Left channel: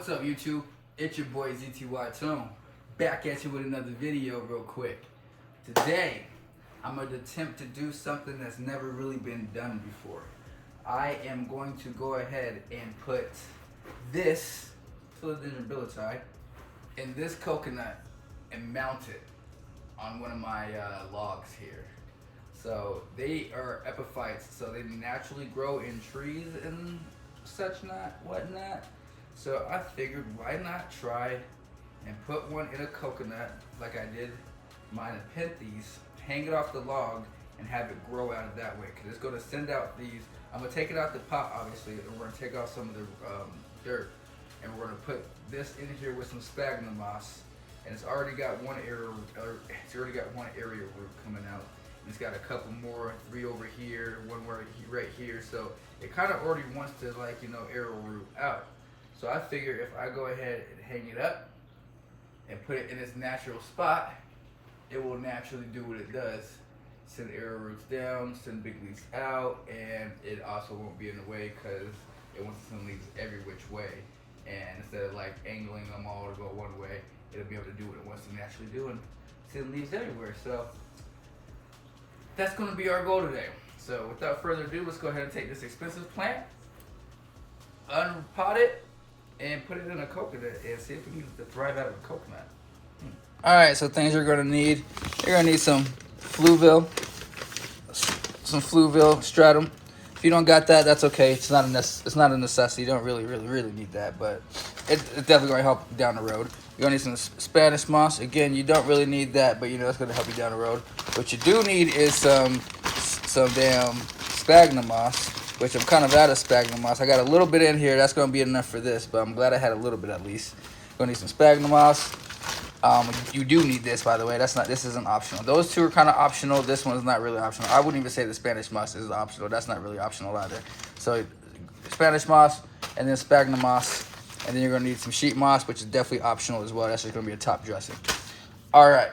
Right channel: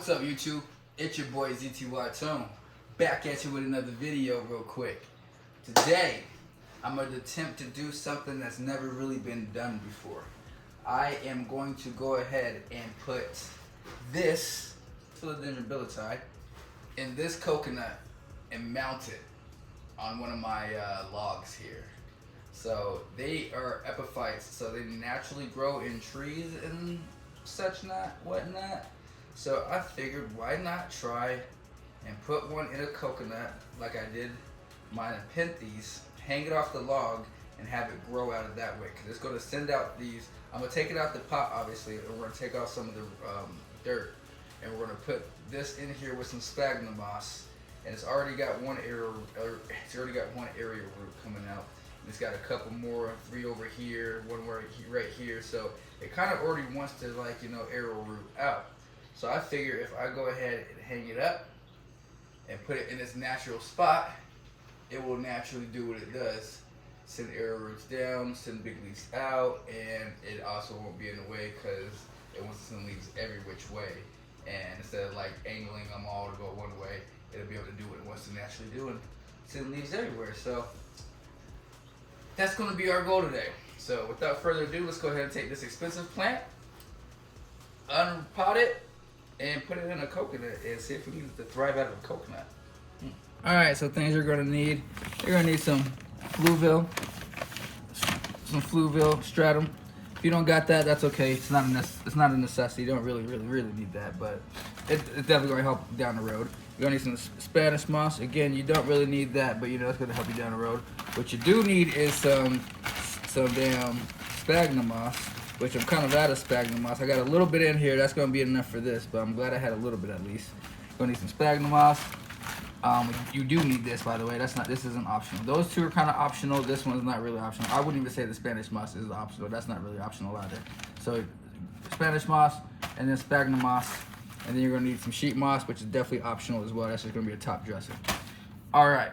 What's up, YouTube? It's your boy ZTY Tone, back at you with another video real quick. Today, I'm going to attempt to do something that's never really been done before. I am going to go ahead and put this Philodendron Billietiae in this coconut and mount it on one of my logs here. So they are epiphytes, so they naturally grow in trees and such whatnot. So I figured, why not try and put one in a coconut like I did mine in Penthes, hang it off the log, and have it grow out of that way. Because it's going to send out these. I'm going to take it out the pot, obviously, and we're going to take out some of the dirt, and we're going to put this in here with some sphagnum moss. And it's already got one area root coming out. And it's got a couple more, 3 over here, one right here. So it kind of already wants to, like, arrow root out. So I figure if I go ahead and hang it up and put it in its natural spot, it will naturally do what it does. Send arrow roots down, send big leaves out, and it also won't be in the way because it wants to send leaves every which way. And instead of like angling them all to go one way, it'll be able to do what it wants to naturally do and send leaves everywhere. So that's going to be our goal today. So without further ado, let's go ahead and take this expensive plant, unpot it, and put it in a coconut and see if we can get it to thrive out of a coconut. Alright, so things you're gonna need. You're gonna need some fluvial stratum. If you don't got that, that's okay. It's not a necessity. You don't really need that, but it's definitely gonna help down the road. You're gonna need some Spanish moss. Again, you don't really need that, but it's gonna help you down the road. What you do need is some damn sphagnum moss, which I'm kind of out of sphagnum moss. I got a little bit in here. That's going to be enough for this, but I'm glad I had a little bit at least. Going to need some sphagnum moss. You do need this, by the way. This isn't optional. Those two are kind of optional. This one's not really optional. I wouldn't even say the Spanish moss is optional. That's not really optional either. So Spanish moss and then sphagnum moss, and then you're going to need some sheet moss, which is definitely optional as well. That's just going to be a top dressing. All right.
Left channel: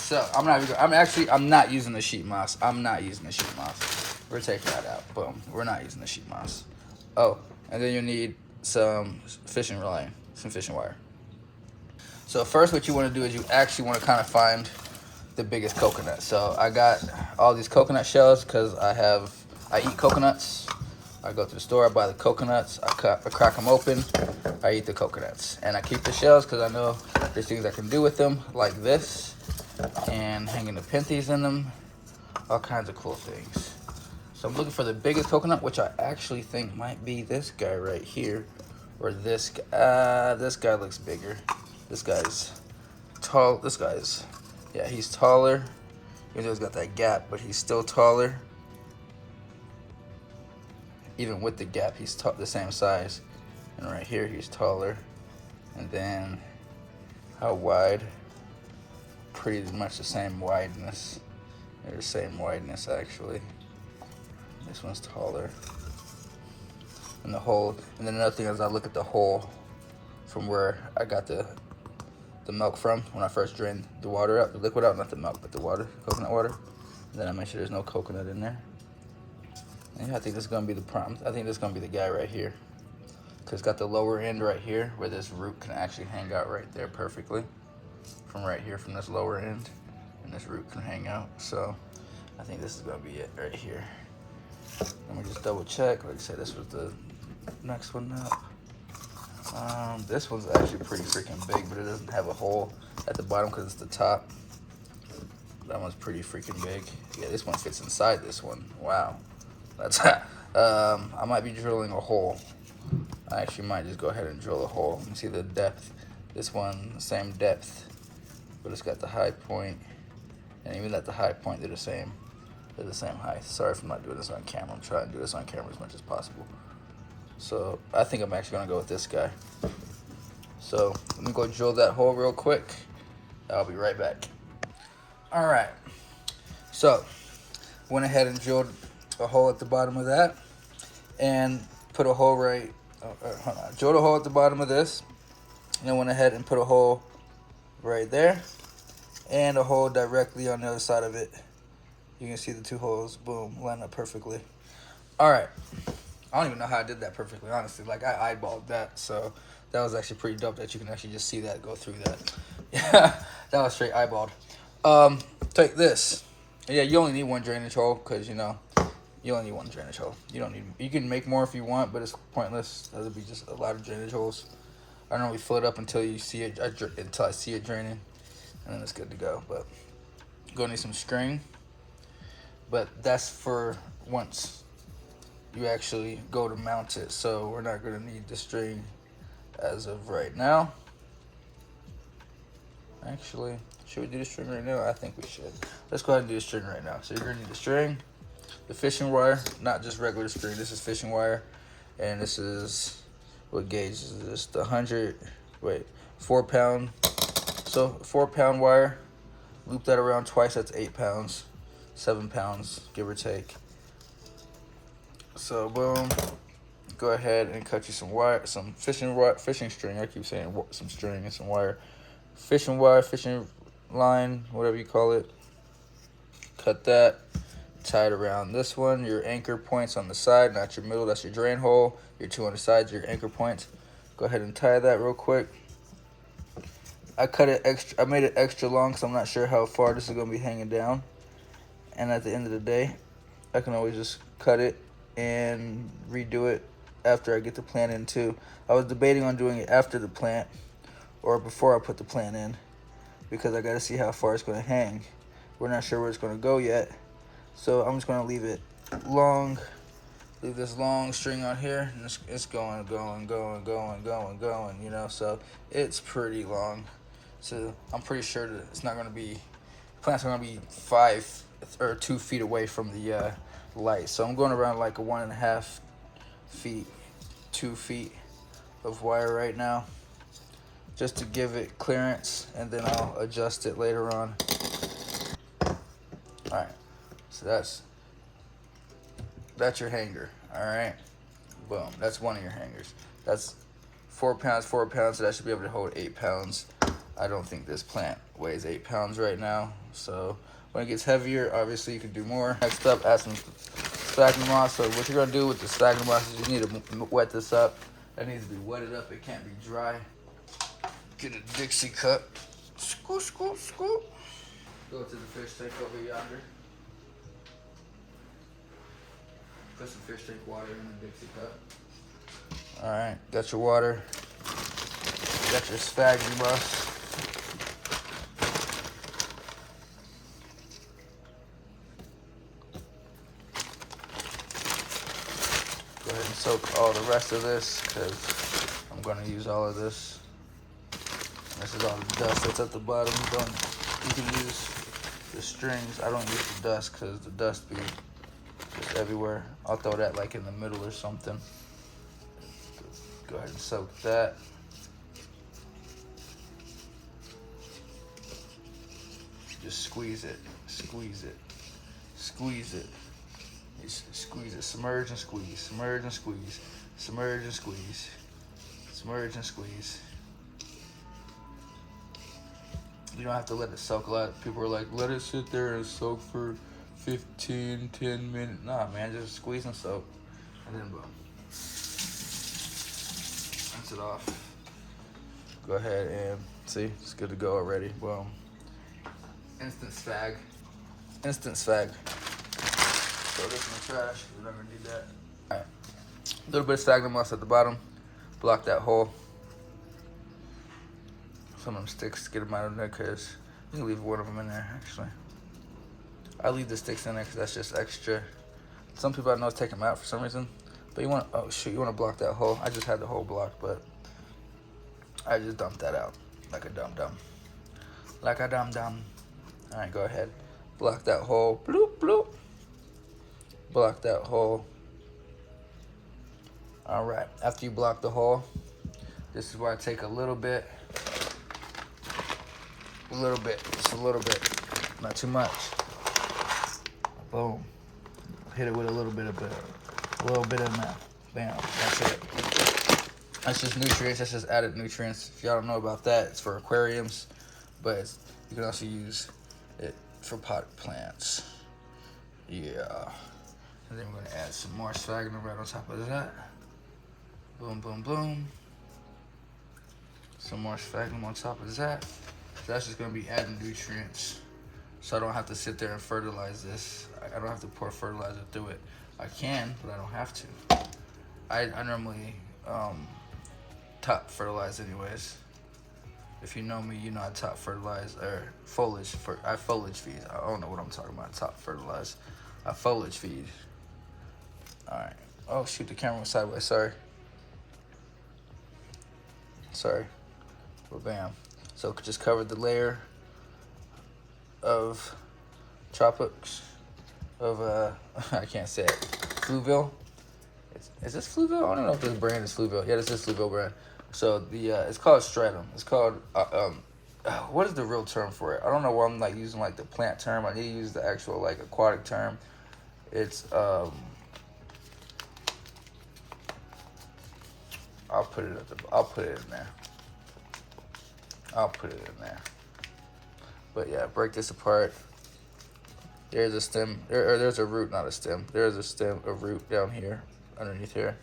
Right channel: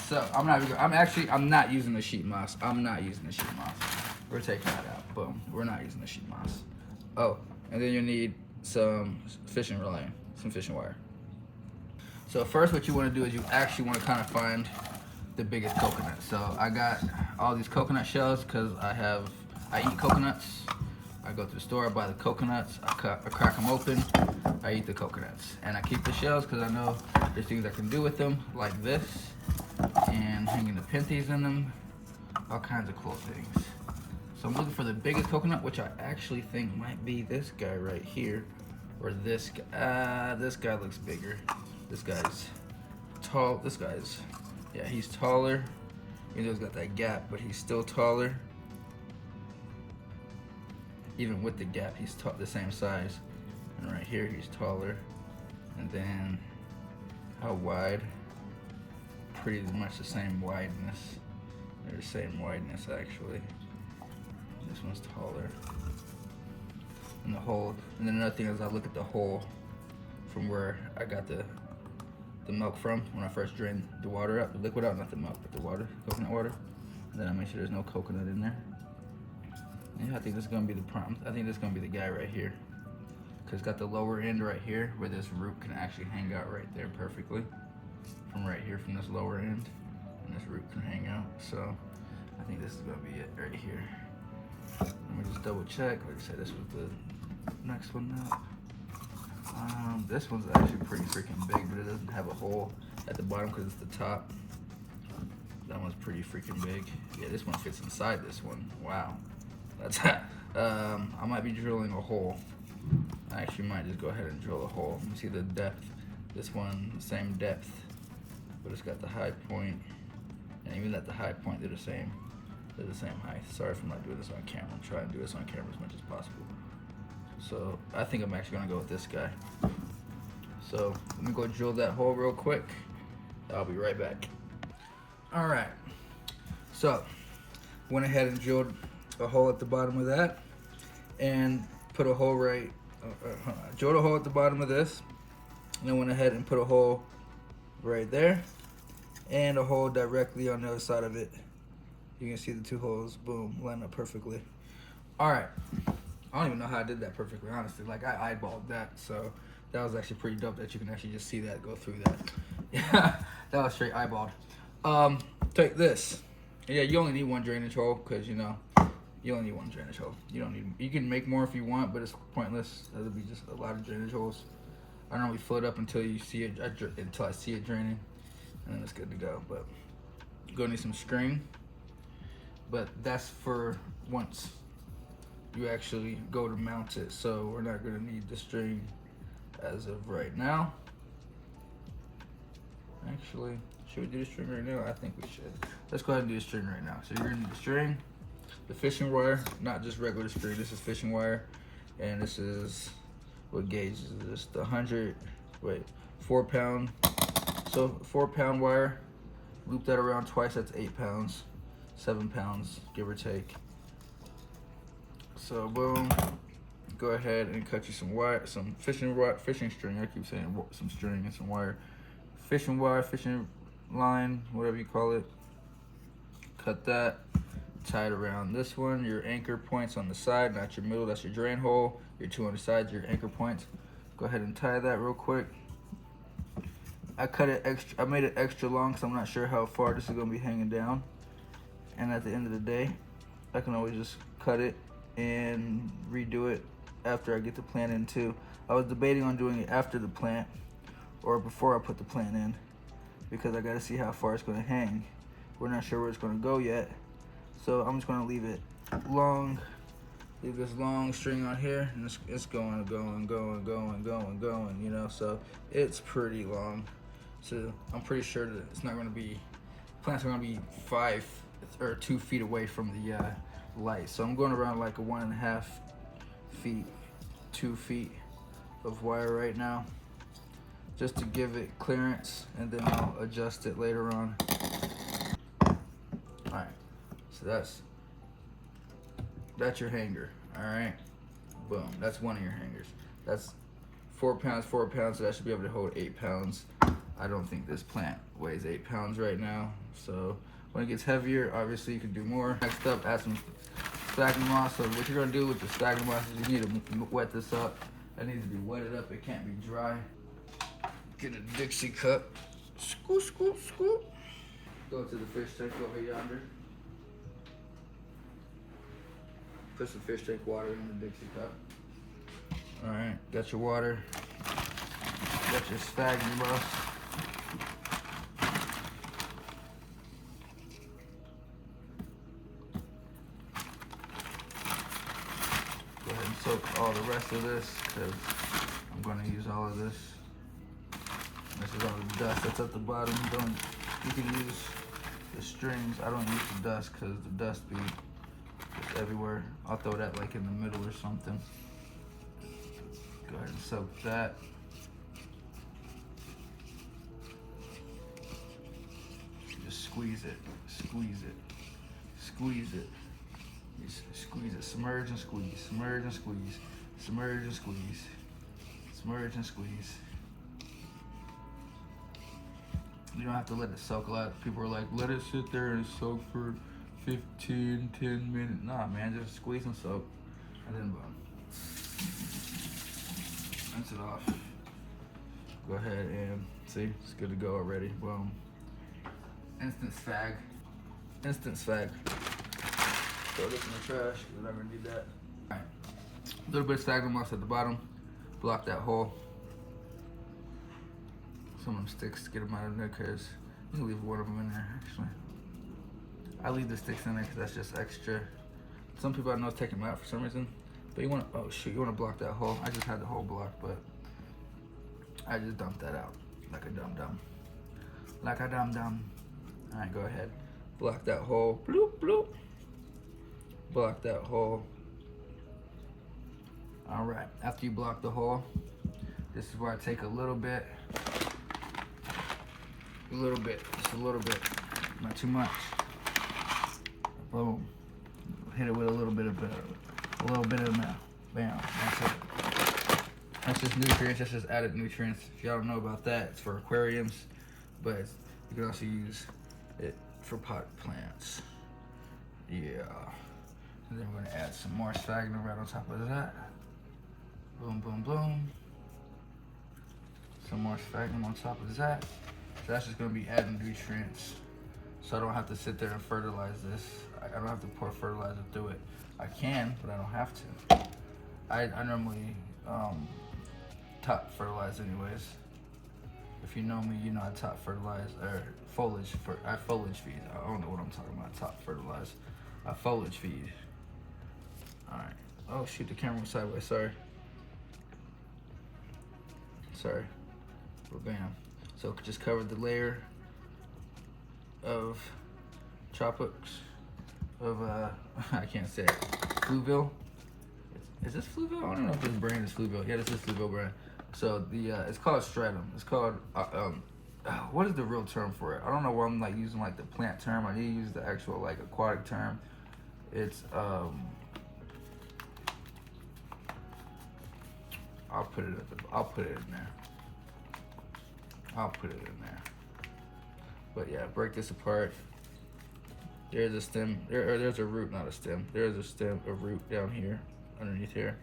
So I'm not using the sheet moss. We're taking that out. Boom. We're not using the sheet moss. Oh, and then you need some fishing line, some fishing wire. So first what you want to do is you actually want to kind of find the biggest coconut. So I got all these coconut shells because I eat coconuts. I go to the store, I buy the coconuts, I crack them open, I eat the coconuts. And I keep the shells because I know there's things I can do with them, like this, and hanging the Penthes in them, all kinds of cool things. So I'm looking for the biggest coconut, which I actually think might be this guy right here, or this guy. This guy looks bigger. This guy's tall. Yeah, he's taller. He's got that gap, but he's still taller. Even with the gap, he's the same size. And right here, he's taller. And then, how wide? Pretty much the same wideness. They're the same wideness, actually. This one's taller. And the hole, and then another thing is I look at the hole from where I got the milk from when I first drained the water out, the liquid out, not the milk, but the water, coconut water. And then I make sure there's no coconut in there. And I think this is gonna be the prime. I think this is gonna be the guy right here. Cause it's got the lower end right here where this root can actually hang out right there perfectly. From right here, from this lower end. And this root can hang out. So I think this is gonna be it right here. Let me just double check. Like I said, this was the next one up. This one's actually pretty freaking big, but it doesn't have a hole at the bottom because it's the top. That one's pretty freaking big. Yeah, this one fits inside this one. Wow. That's I might be drilling a hole. I actually might just go ahead and drill a hole. You see the depth. This one, the same depth, but it's got the high point, and even at the high point, they're the same. They're the same height. Sorry if I'm not doing this on camera. I'm trying to do this on camera as much as possible. So I think I'm actually gonna go with this guy. So let me go drill that hole real quick. I'll be right back. All right. So went ahead and drilled a hole at the bottom of that, and put a hole right. Hold on. Drilled a hole at the bottom of this, and then went ahead and put a hole right there, and a hole directly on the other side of it. You can see the two holes, boom, line up perfectly. All right, I don't even know how I did that perfectly, honestly. Like, I eyeballed that, so That was actually pretty dope that you can actually just see that go through that. Yeah, that was straight eyeballed. Take this. Yeah, you only need one drainage hole because you know you only need one drainage hole. You don't need. You can make more if you want, but it's pointless. That'll be just a lot of drainage holes. I don't really fill it up until you see it. Until I see it draining, and then it's good to go. But you're gonna need some string. But that's for once you actually go to mount it. So we're not gonna need the string as of right now. Actually, should we do the string right now? I think we should. Let's go ahead and do the string right now. So you're gonna need the string, the fishing wire, not just regular string. This is fishing wire, and this is what gauge is this? The 4 pound. So 4 pound wire. Loop that around twice. That's 8 pounds, 7 pounds, give or take. So boom. Go ahead and cut you some wire, some fishing string. I keep saying some string and some wire. Fishing wire, fishing line, whatever you call it. Cut that, tie it around this one. Your anchor points on the side, not your middle, that's your drain hole. Your two on the sides, your anchor points. Go ahead and tie that real quick. I made it extra long because I'm not sure how far this is gonna be hanging down. And at the end of the day, I can always just cut it and redo it after I get the plant in too. I was debating on doing it after the plant or before I put the plant in because I gotta see how far it's gonna hang. We're not sure where it's gonna go yet. So I'm just gonna leave it long, leave this long string on here, and it's going, you know, so it's pretty long. So I'm pretty sure that it's not gonna be, plants are gonna be 5 or 2 feet away from the light. So I'm going around like a 1.5 feet, 2 feet of wire right now, just to give it clearance, and then I'll adjust it later on. Alright, so that's your hanger, alright? Boom, that's one of your hangers. That's 4 pounds, so that should be able to hold 8 pounds. I don't think this plant weighs 8 pounds right now, so when it gets heavier, obviously you can do more. Next up, add some sphagnum moss. So what you're gonna do with the sphagnum moss is you need to wet this up. That needs to be wetted up, it can't be dry. Get a Dixie cup, scoop, scoop, scoop. Go to the fish tank over yonder. Put some fish tank water in the Dixie cup. All right, got your water. Got your sphagnum moss. Go ahead and soak all the rest of this because I'm gonna use all of this. This is all the dust that's at the bottom. You can use the strings. I don't use the dust because the dust be just everywhere. I'll throw that like in the middle or something. Go ahead and soak that. Just squeeze it, squeeze it, squeeze it. Just squeeze it, submerge and squeeze, submerge and squeeze, submerge and squeeze, submerge and squeeze. You don't have to let it soak a lot. People are like, let it sit there and soak for 10 minutes. Nah, man, just squeeze and soak. And then boom. Rinse it off. Go ahead and see, it's good to go already. Boom. Instant spag. Instant spag. Throw this in the trash, we're not gonna need that. Alright. A little bit of sphagnum moss at the bottom. Block that hole. Some of them sticks, get them out of there because you can leave one of them in there actually. I leave the sticks in there because that's just extra. Some people I know take them out for some reason. But you want, oh shoot, you want to block that hole. I just had the hole blocked, but I just dumped that out like a dum-dum. Like a dum-dum. Alright, go ahead. Block that hole. Bloop, bloop. Block that hole. Alright, after you block the hole, this is where I take a little bit, just a little bit, not too much. Boom. Hit it with a little bit of that. Bam, that's it. That's just nutrients, that's just added nutrients. If y'all don't know about that, it's for aquariums, but you can also use it for potted plants. Yeah. And then we're gonna add some more sphagnum right on top of that. Boom, boom, boom. Some more sphagnum on top of that. That's just gonna be adding nutrients. So I don't have to sit there and fertilize this. I don't have to pour fertilizer through it. I can, but I don't have to. I normally top fertilize anyways. If you know me, you know I top fertilize, or I foliage feed. I don't know what I'm talking about, top fertilize. I foliage feed. All right. Oh shoot, the camera was sideways, sorry. Sorry. Well, bam. So just covered the layer of tropics of I can't say it. Fluvial. Is this Fluvial? I don't know if this brand is Fluvial. Yeah, this is Fluvial brand. So the it's called stratum. It's called what is the real term for it? I don't know why I'm like using like the plant term. I need to use the actual like aquatic term. It's I'll put it in there. I'll put it in there. But yeah, break this apart. There's a stem, there's a root, not a stem. There's a stem, a root down here, underneath here.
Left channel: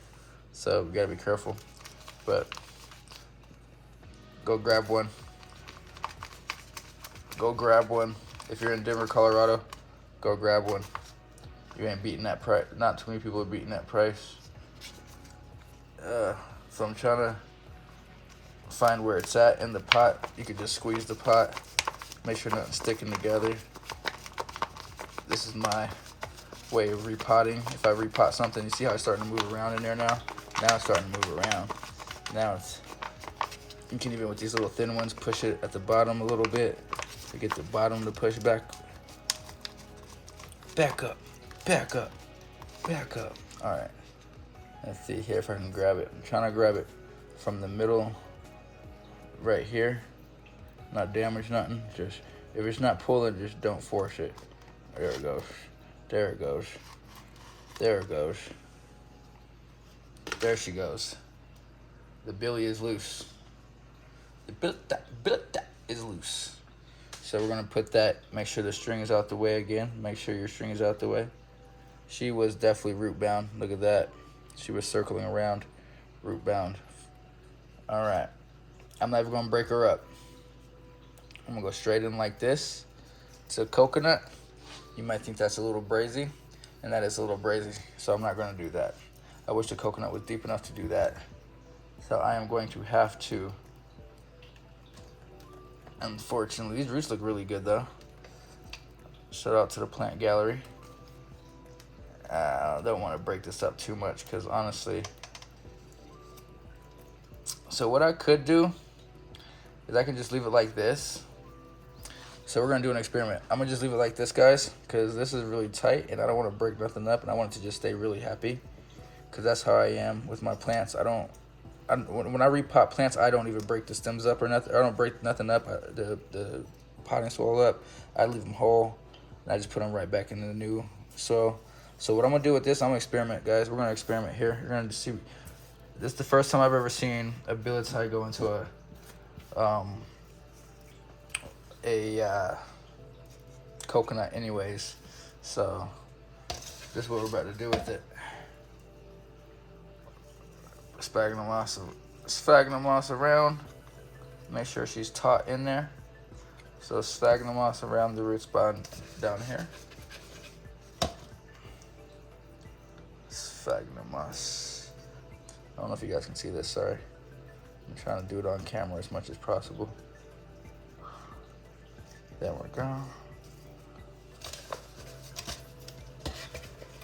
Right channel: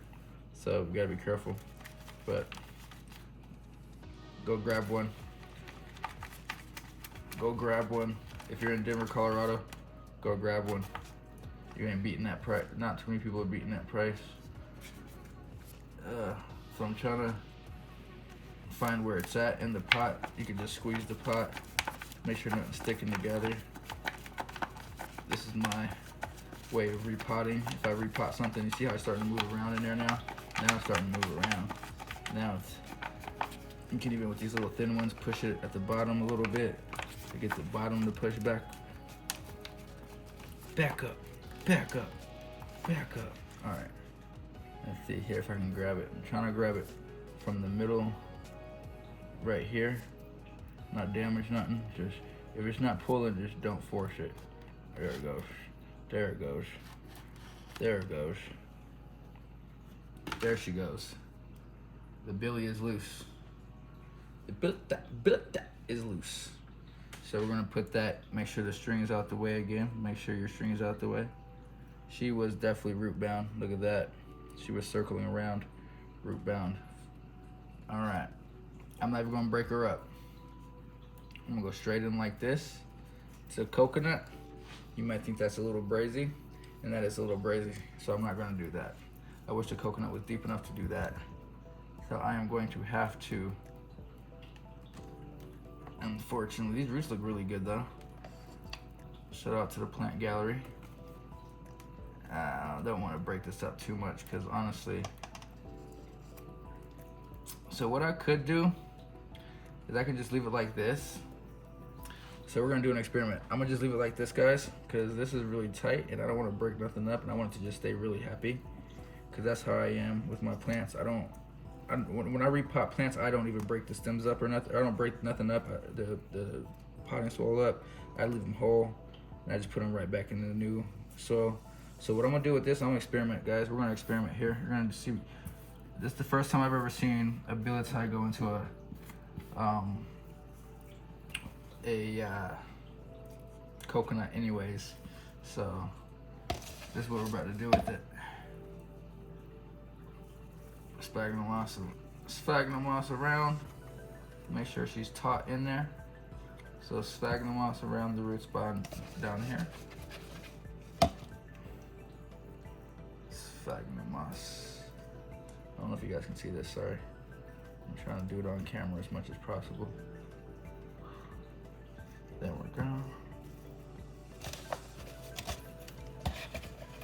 So we gotta be careful. But go grab one. Go grab one. If you're in Denver, Colorado, go grab one. You ain't beating that price. Not too many people are beating that price. So I'm trying to find where it's at in the pot. You can just squeeze the pot. Make sure nothing's sticking together. This is my way of repotting. If I repot something, you see how it's starting to move around in there now? Now it's starting to move around. Now you can even with these little thin ones, push it at the bottom a little bit. You get the bottom to push back. Back up, back up, back up. All right, let's see here if I can grab it. I'm trying to grab it from the middle right here. Not damage nothing, just if it's not pulling, just don't force it. There it goes, there it goes, there it goes. There she goes. The billy is loose. The Billietiae is loose. So we're gonna put that, make sure the string is out the way again. Make sure your string is out the way. She was definitely root bound, look at that. She was circling around, root bound. All right, I'm not even gonna break her up. I'm gonna go straight in like this. It's a coconut. You might think that's a little brazy, and that is a little brazy, so I'm not gonna do that. I wish the coconut was deep enough to do that. So I am going to have to, unfortunately, these roots look really good though. Shout out to the plant gallery. I don't want to break this up too much because honestly, so what I could do is I can just leave it like this. So we're gonna do an experiment. I'm gonna just leave it like this, guys, because this is really tight and I don't want to break nothing up, and I want it to just stay really happy, because that's how I am with my plants. When I repot plants, I don't even break the stems up or nothing. I don't break nothing up, the potting soil up. I leave them whole, and I just put them right back into the new soil. So what I'm gonna do with this, I'm gonna experiment, guys. We're gonna experiment here. You're gonna see. This is the first time I've ever seen a Billietiae go into a coconut anyways. So this is what we're about to do with it. Sphagnum moss around. Make sure she's taut in there. So sphagnum moss around the root spot down here. Sphagnum moss. I don't know if you guys can see this, sorry. I'm trying to do it on camera as much as possible. There we go.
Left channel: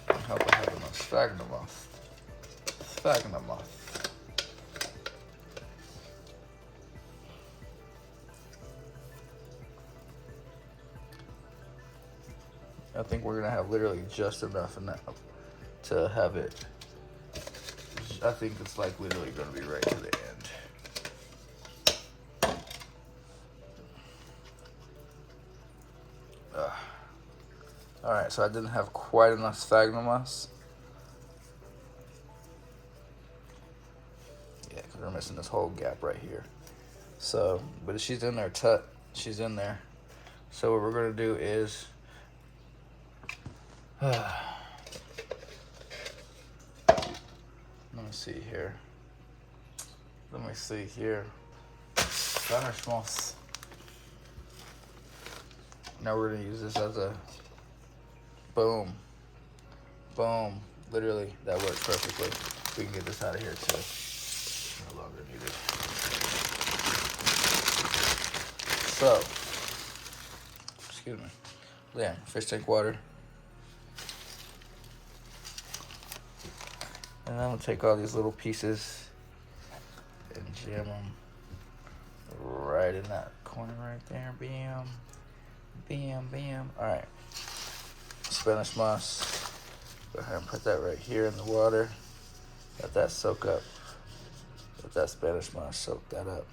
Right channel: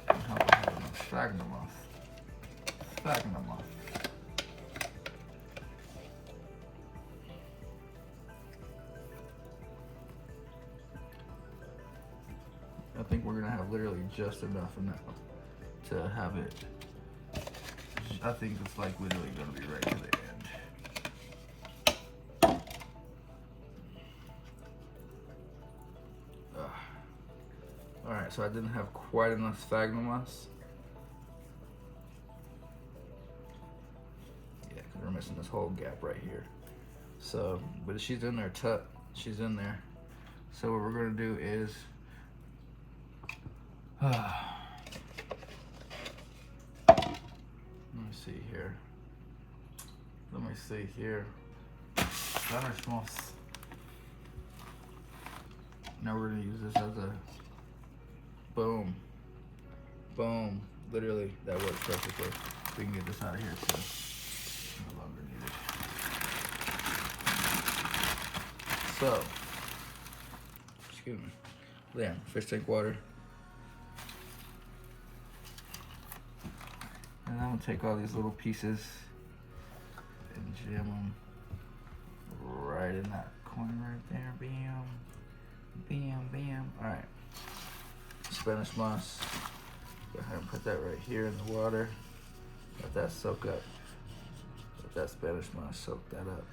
I hope I have enough sphagnum moss. Sphagnum moss. I think we're gonna have literally just enough to have it. I think it's like literally gonna be right to the end. All right, so I didn't have quite enough sphagnum moss. Yeah, because we're missing this whole gap right here. So, but she's in there, she's in there. So what we're gonna do is, let me see here. Let me see here. Spanish moss. Now we're gonna use this as a boom. Boom. Literally, that works perfectly. We can get this out of here too. No longer needed. So, excuse me. Yeah, fish tank water. And I'm gonna take all these little pieces and jam them right in that corner right there. Bam, bam, bam. All right. Spanish moss. Go ahead and put that right here in the water. Let that soak up. Let that Spanish moss soak that up.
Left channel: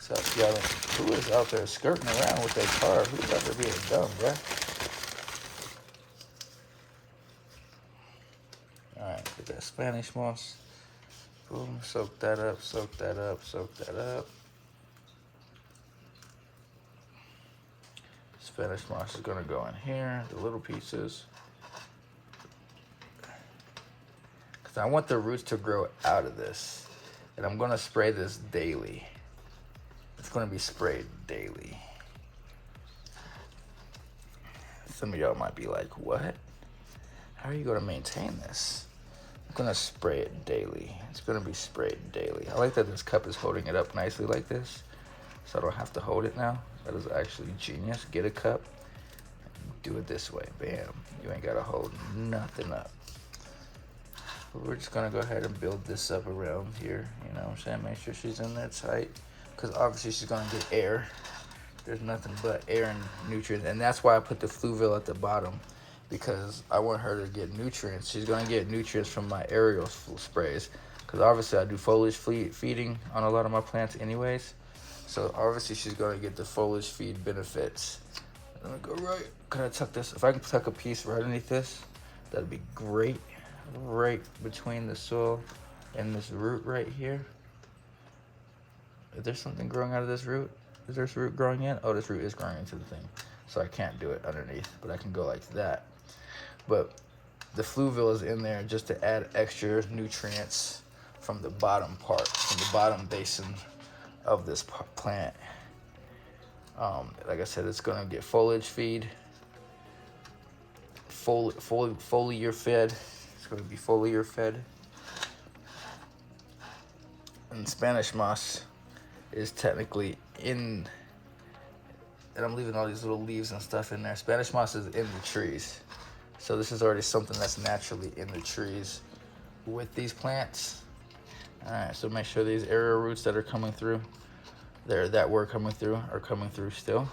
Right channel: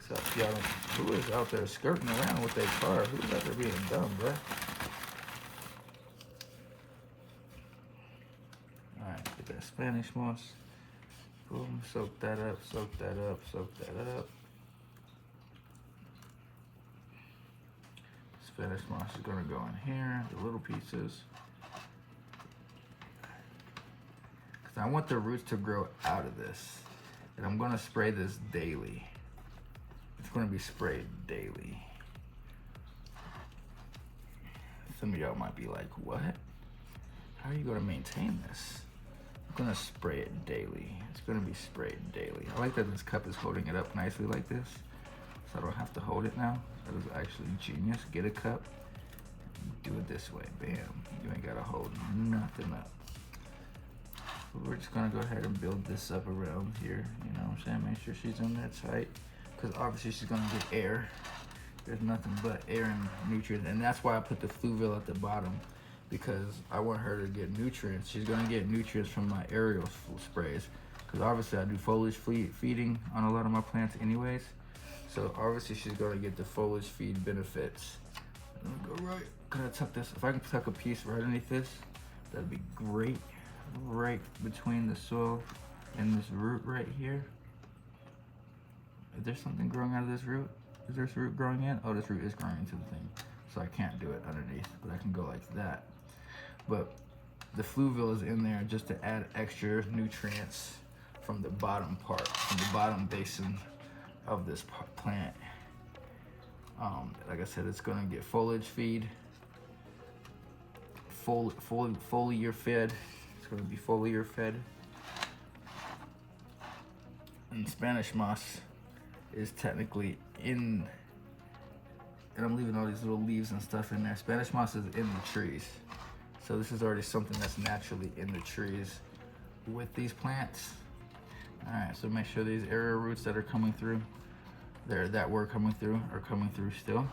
So y'all, who is out there skirting around with their car? Who's out there being dumb, bro? Alright, get that Spanish moss. Boom, soak that up, soak that up, soak that up. Spanish moss is gonna go in here, the little pieces. Cause I want the roots to grow out of this. And I'm gonna spray this daily. It's gonna be sprayed daily. Some of y'all might be like, what? How are you gonna maintain this? I'm gonna spray it daily. It's gonna be sprayed daily. I like that this cup is holding it up nicely like this, so I don't have to hold it now. That is actually genius. Get a cup, do it this way, bam. You ain't gotta hold nothing up. But we're just gonna go ahead and build this up around here, you know what I'm saying? Make sure she's in there tight, because obviously she's gonna get air. There's nothing but air and nutrients, and that's why I put the fluvial at the bottom, because I want her to get nutrients. She's gonna get nutrients from my aerial sprays, because obviously I do foliage feeding on a lot of my plants anyways. So obviously she's gonna get the foliage feed benefits. I'm gonna go right, can I tuck this? If I can tuck a piece right underneath this, that'd be great. Right between the soil and this root right here. Is there something growing out of this root? Is there root growing in? Oh, this root is growing into the thing. So I can't do it underneath, but I can go like that. But the fluvial is in there just to add extra nutrients from the bottom part, from the bottom basin of this plant. Like I said, it's gonna get foliage feed, foliar fed. It's gonna be foliar fed. And Spanish moss is technically in, and I'm leaving all these little leaves and stuff in there. Spanish moss is in the trees. So this is already something that's naturally in the trees with these plants. All right, so make sure these aerial roots that are coming through, that were coming through, are coming through still.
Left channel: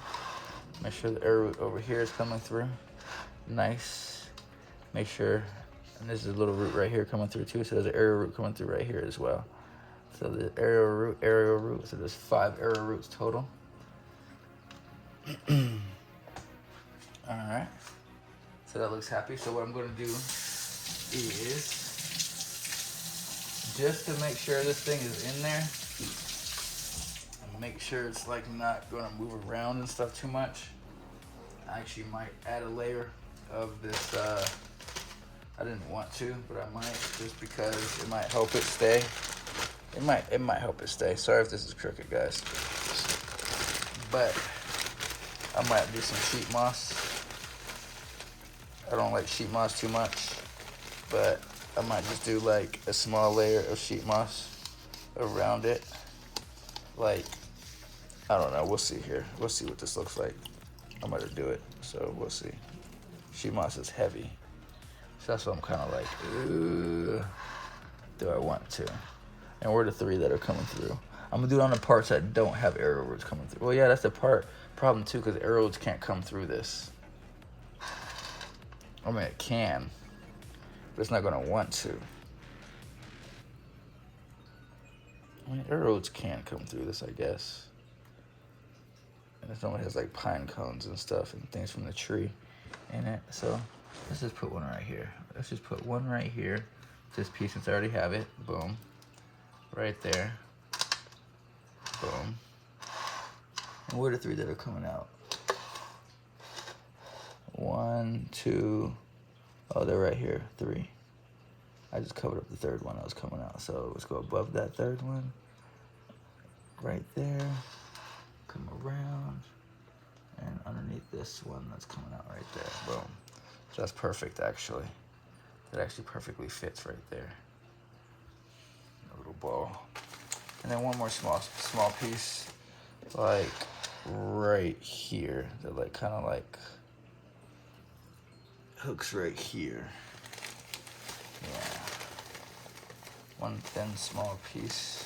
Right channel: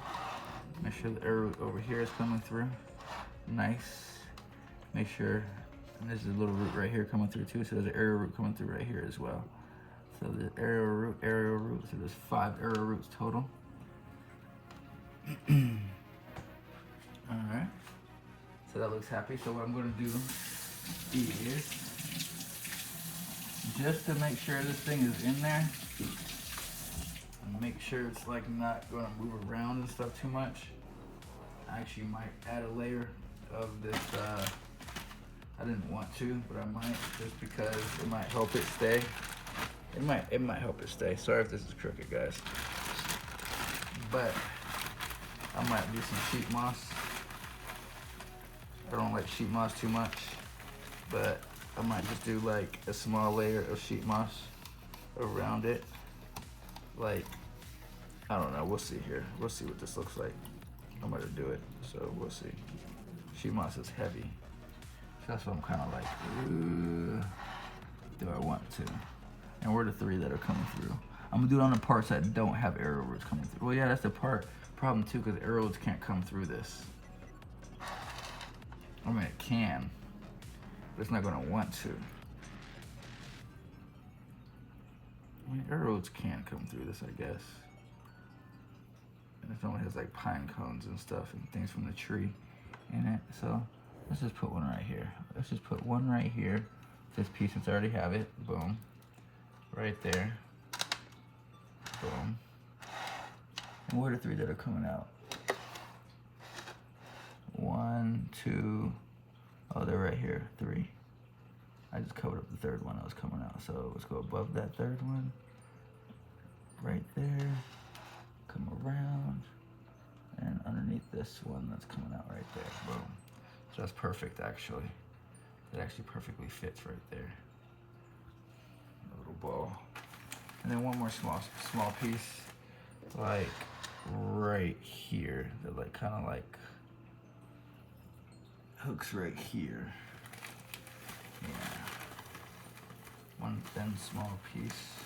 Make sure the aerial root over here is coming through. Nice. Make sure, and there's a little root right here coming through too, so there's an aerial root coming through right here as well. So the aerial root, so there's 5 aerial roots total. Alright, so that looks happy. So what I'm going to do is, just to make sure this thing is in there, and make sure it's like not going to move around and stuff too much, I actually might add a layer of this, I didn't want to, but I might, just because it might help it stay. It might help it stay. Sorry if this is crooked, guys. But I might do some sheet moss. I don't like sheet moss too much, but I might just do like a small layer of sheet moss around it. Like, I don't know, we'll see here. We'll see what this looks like. I'm gonna do it, so we'll see. Sheet moss is heavy. So that's what I'm kind of like, ooh, do I want to? And we're the 3 that are coming through. I'm gonna do it on the parts that don't have aerial roots coming through. Well, yeah, that's the problem too, because aerial roots can't come through this. I mean, it can, but it's not gonna want to. I mean, aerial roots can come through this, I guess. And it only has like pine cones and stuff and things from the tree in it. So let's just put one right here. Let's just put one right here. This piece, since I already have it. Boom. Right there. Boom. And where are the 3 that are coming out? 1, 2. Oh, they're right here. 3. I just covered up the 3rd one that was coming out. So let's go above that 3rd one. right there, come around, and underneath this one that's coming out right there. Boom. So that's perfect, actually. It actually perfectly fits right there. A little ball. And then one more small piece, like right here, that like kind of like hooks right here. Yeah. One thin small piece.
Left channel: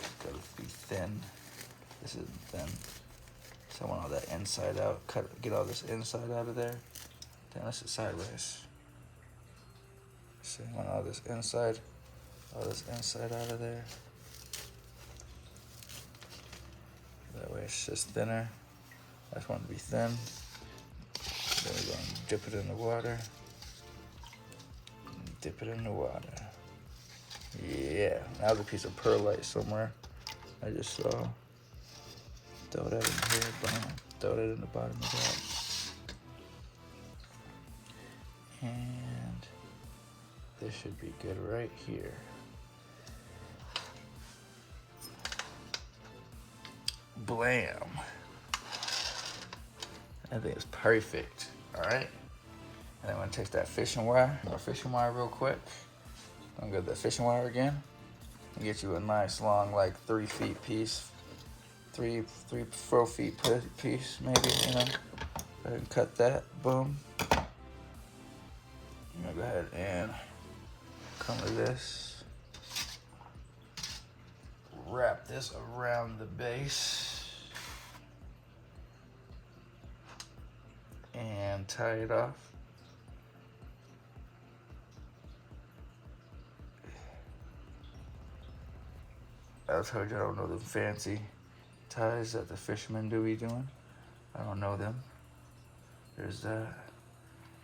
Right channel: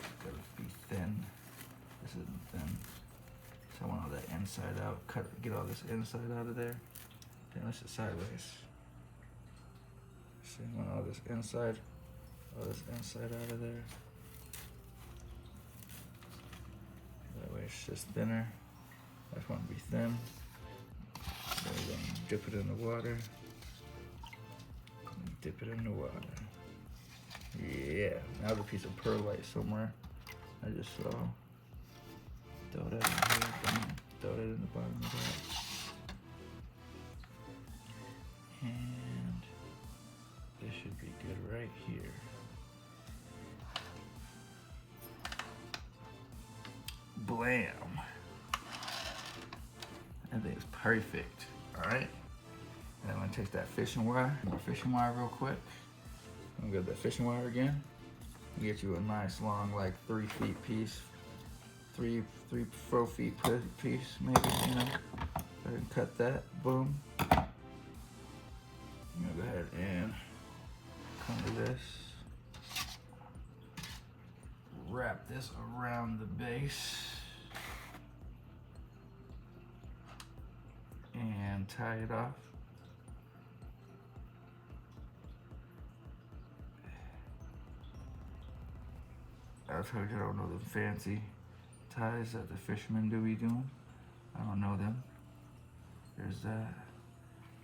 It's gotta be thin. This isn't thin. So I want all that inside out. Get all this inside out of there. Damn, this is sideways. So you want all this inside out of there. That way it's just thinner. I just want it to be thin. Then we're gonna dip it in the water. Dip it in the water. Yeah, that was a piece of perlite somewhere. I just saw. Throw that in here, bam. Throw that in the bottom of that. And this should be good right here. Blam. I think it's perfect. Alright. And I'm gonna take that fishing wire. More fishing wire real quick. I'm gonna get the fishing wire again. And get you a nice long, like 3 feet piece. 4 feet piece, maybe, you know. Go ahead and cut that. Boom. I'm gonna go ahead and come to this. Wrap this around the base. And tie it off. I told you I don't know the fancy ties that the fishermen do be doing. I don't know them. There's that.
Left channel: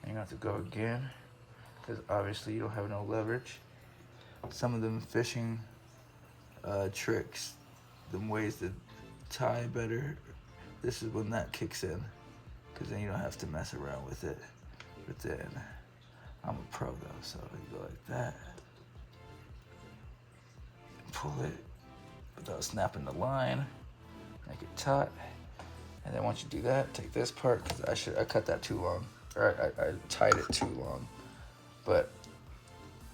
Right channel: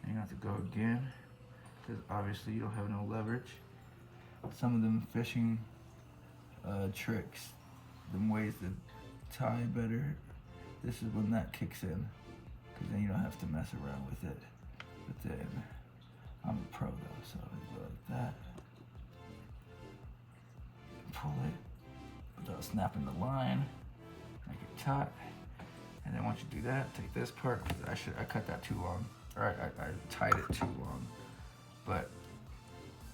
And you have to go again, because obviously you don't have no leverage. Some of them fishing tricks, them ways to tie better, this is when that kicks in, because then you don't have to mess around with it. But then, I'm a pro though, so you go like that. Pull it without snapping the line. Make it taut, and then once you do that, take this part, because I cut that too long, or I tied it too long, but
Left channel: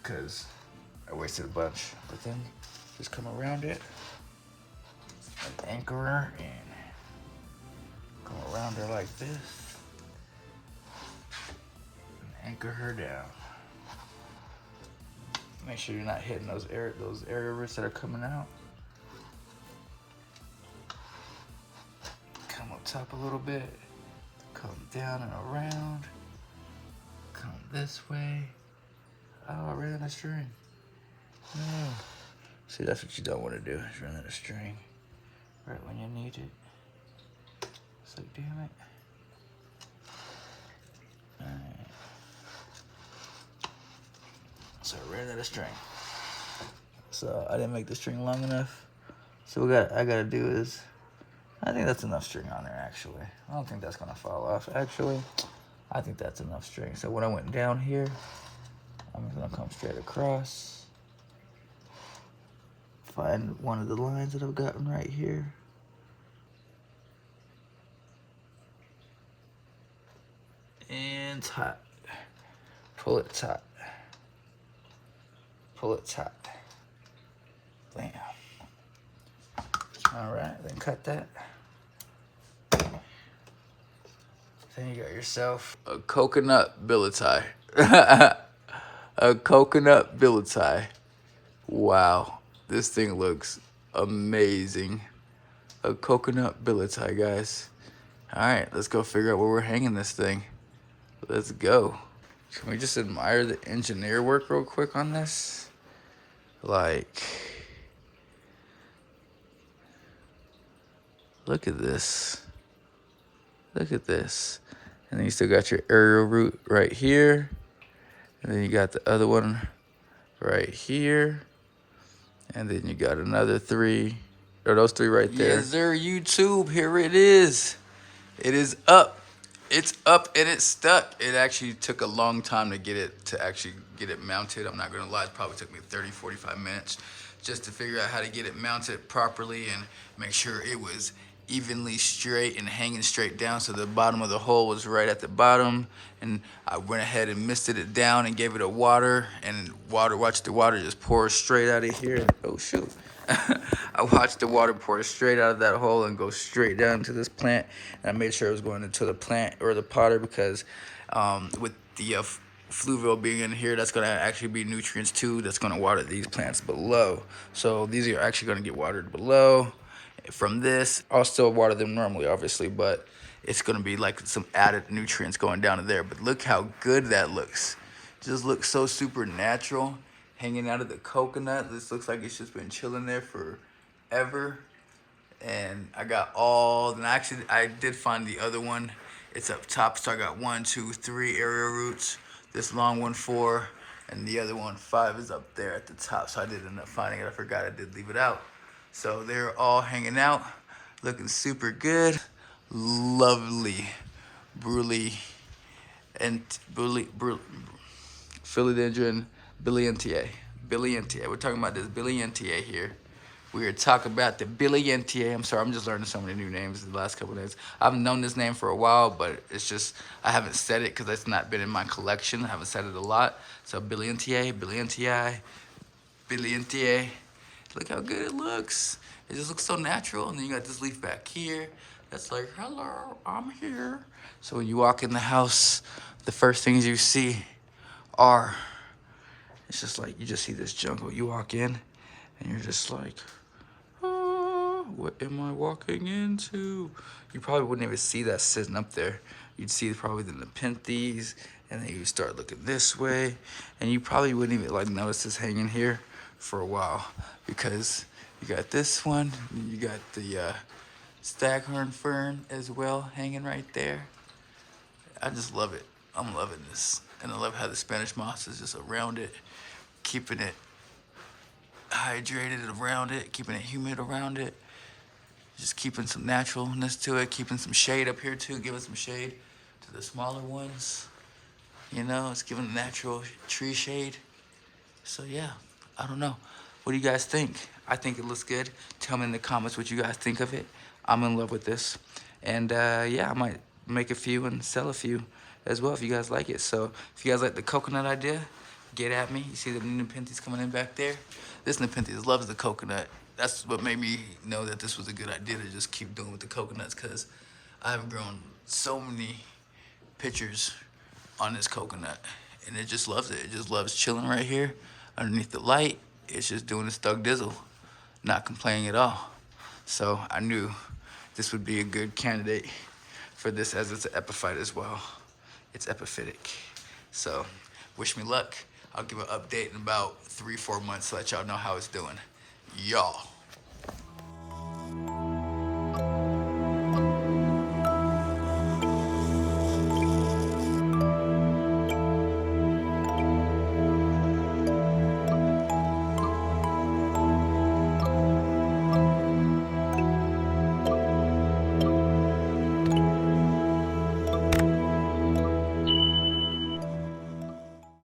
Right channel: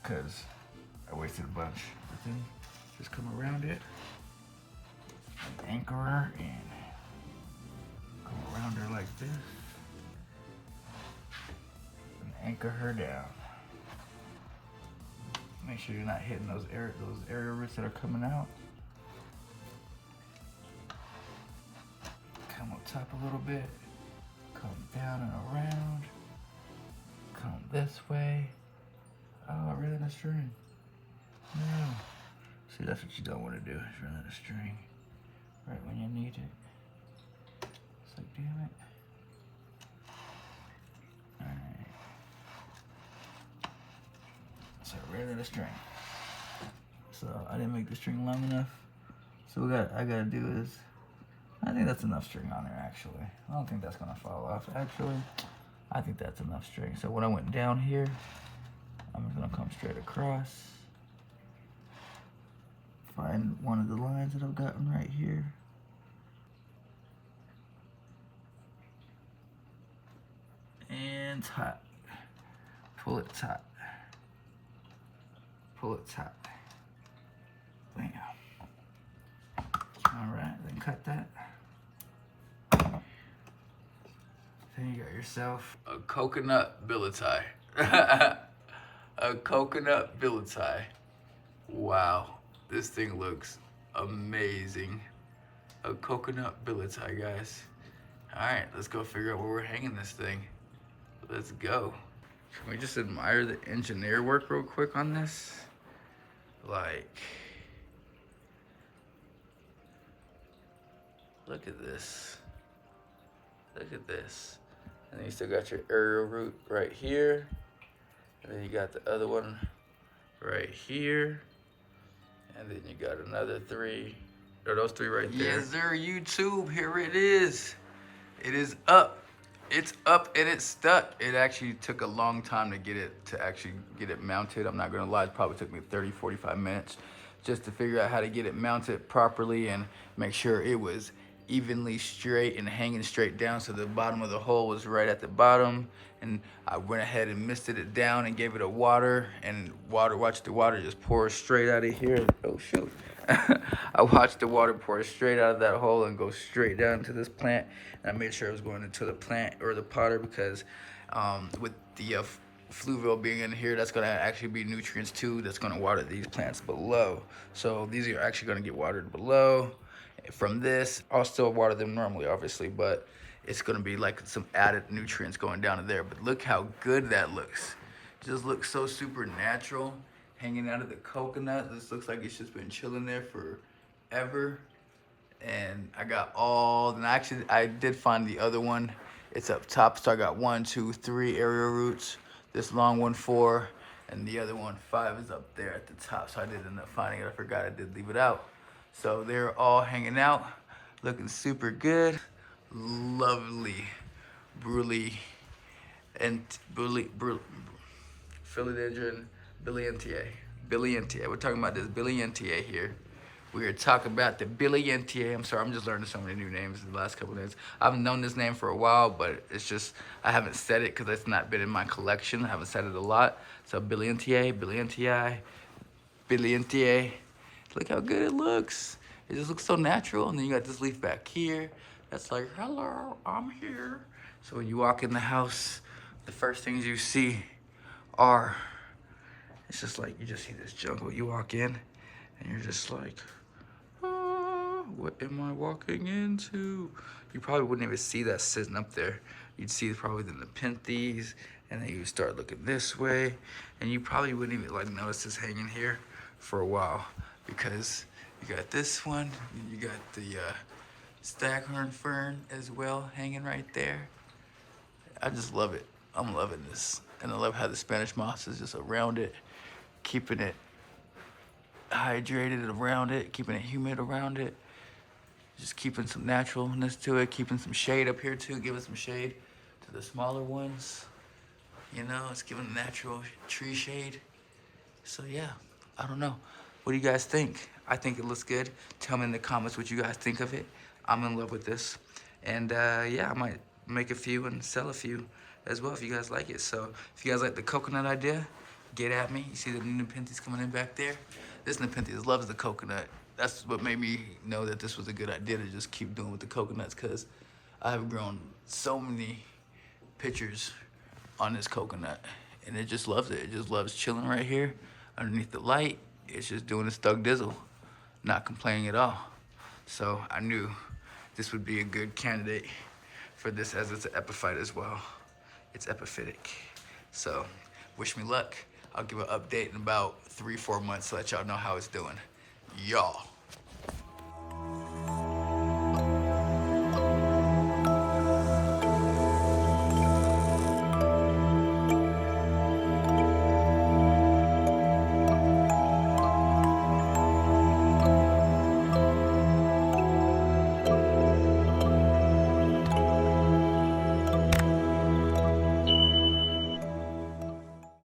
because I wasted a bunch. But then just come around it, like anchor her, and come around her like this, and anchor her down. Make sure you're not hitting those air rivets that are coming out. Up a little bit, come down and around, come this way. Oh, I ran out of string. No. See, that's what you don't want to do, is run out of string right when you need it. It's like, damn it. Alright. So I ran out of string. So I didn't make the string long enough. So what I gotta do is, I think that's enough string on there, actually. I don't think that's gonna fall off, actually. I think that's enough string. So when I went down here, I'm just gonna come straight across. Find one of the lines that I've gotten right here. And tight. Pull it tight. Pull it tight. Bam. All right, then cut that. Then you got yourself a coconut Billietiae. A coconut Billietiae. Wow, this thing looks amazing. A coconut Billietiae, guys. All right, let's go figure out where we're hanging this thing. Let's go. Can we just admire the engineer work real quick on this? Like, look at this. Look at this. And then you still got your aerial root right here. And then you got the other one right here. And then you got another 3, or those 3 right there. Yes, sir, YouTube, here it is. It is up. It's up and it's stuck. It actually took a long time to actually get it mounted. I'm not gonna lie, it probably took me 30, 45 minutes just to figure out how to get it mounted properly and make sure it was evenly straight and hanging straight down, so the bottom of the hole was right at the bottom. And I went ahead and misted it down and gave it a water, and watched the water just pour straight out of here. Oh shoot. I watched the water pour straight out of that hole and go straight down into this plant, and I made sure it was going into the plant or the potter, because with the fluvial being in here, that's going to actually be nutrients too, that's going to water these plants below. So these are actually going to get watered below from this. I'll still water them normally, obviously, but it's going to be like some added nutrients going down to there. But look how good that looks. It just looks so super natural, hanging out of the coconut. This looks like it's just been chilling there forever. And I got I did find the other one. It's up top, so I got 1, 2, 3 aerial roots. This long one 4, and the other one 5 is up there at the top. So I did end up finding it. I forgot I did leave it out. So they're all hanging out, looking super good. Lovely, Philodendron Billietiae. We're talking about this Billietiae here. We are talking about the Billietiae. I'm sorry, I'm just learning so many new names in the last couple of days. I've known this name for a while, but it's just, I haven't said it because it's not been in my collection. I haven't said it a lot. So Billietiae. Look how good it looks. It just looks so natural. And then you got this leaf back here that's like, hello, I'm here. So when you walk in the house, the first things you see are, it's just like, you just see this jungle. You walk in and you're just like, oh, what am I walking into? You probably wouldn't even see that sitting up there. You'd see probably the Nepenthes, and then you start looking this way, and you probably wouldn't even like notice this hanging here for a while, because you got this one, you got the staghorn fern as well hanging right there. I just love it. I'm loving this. And I love how the Spanish moss is just around it, keeping it hydrated around it, keeping it humid around it, just keeping some naturalness to it, keeping some shade up here too, giving some shade to the smaller ones. You know, it's giving natural tree shade. So yeah, I don't know. What do you guys think? I think it looks good. Tell me in the comments what you guys think of it. I'm in love with this. And yeah, I might make a few and sell a few as well if you guys like it. So if you guys like the coconut idea, get at me. You see the Nepenthes coming in back there? This Nepenthes loves the coconut. That's what made me know that this was a good idea to just keep doing with the coconuts, because I've grown so many pictures on this coconut, and it just loves it. It just loves chilling right here underneath the light. It's just doing its thug dizzle, not complaining at all. So I knew this would be a good candidate for this, as it's an epiphyte as well. It's epiphytic. So wish me luck. I'll give an update in about 3-4 months to let y'all know how it's doing. Y'all.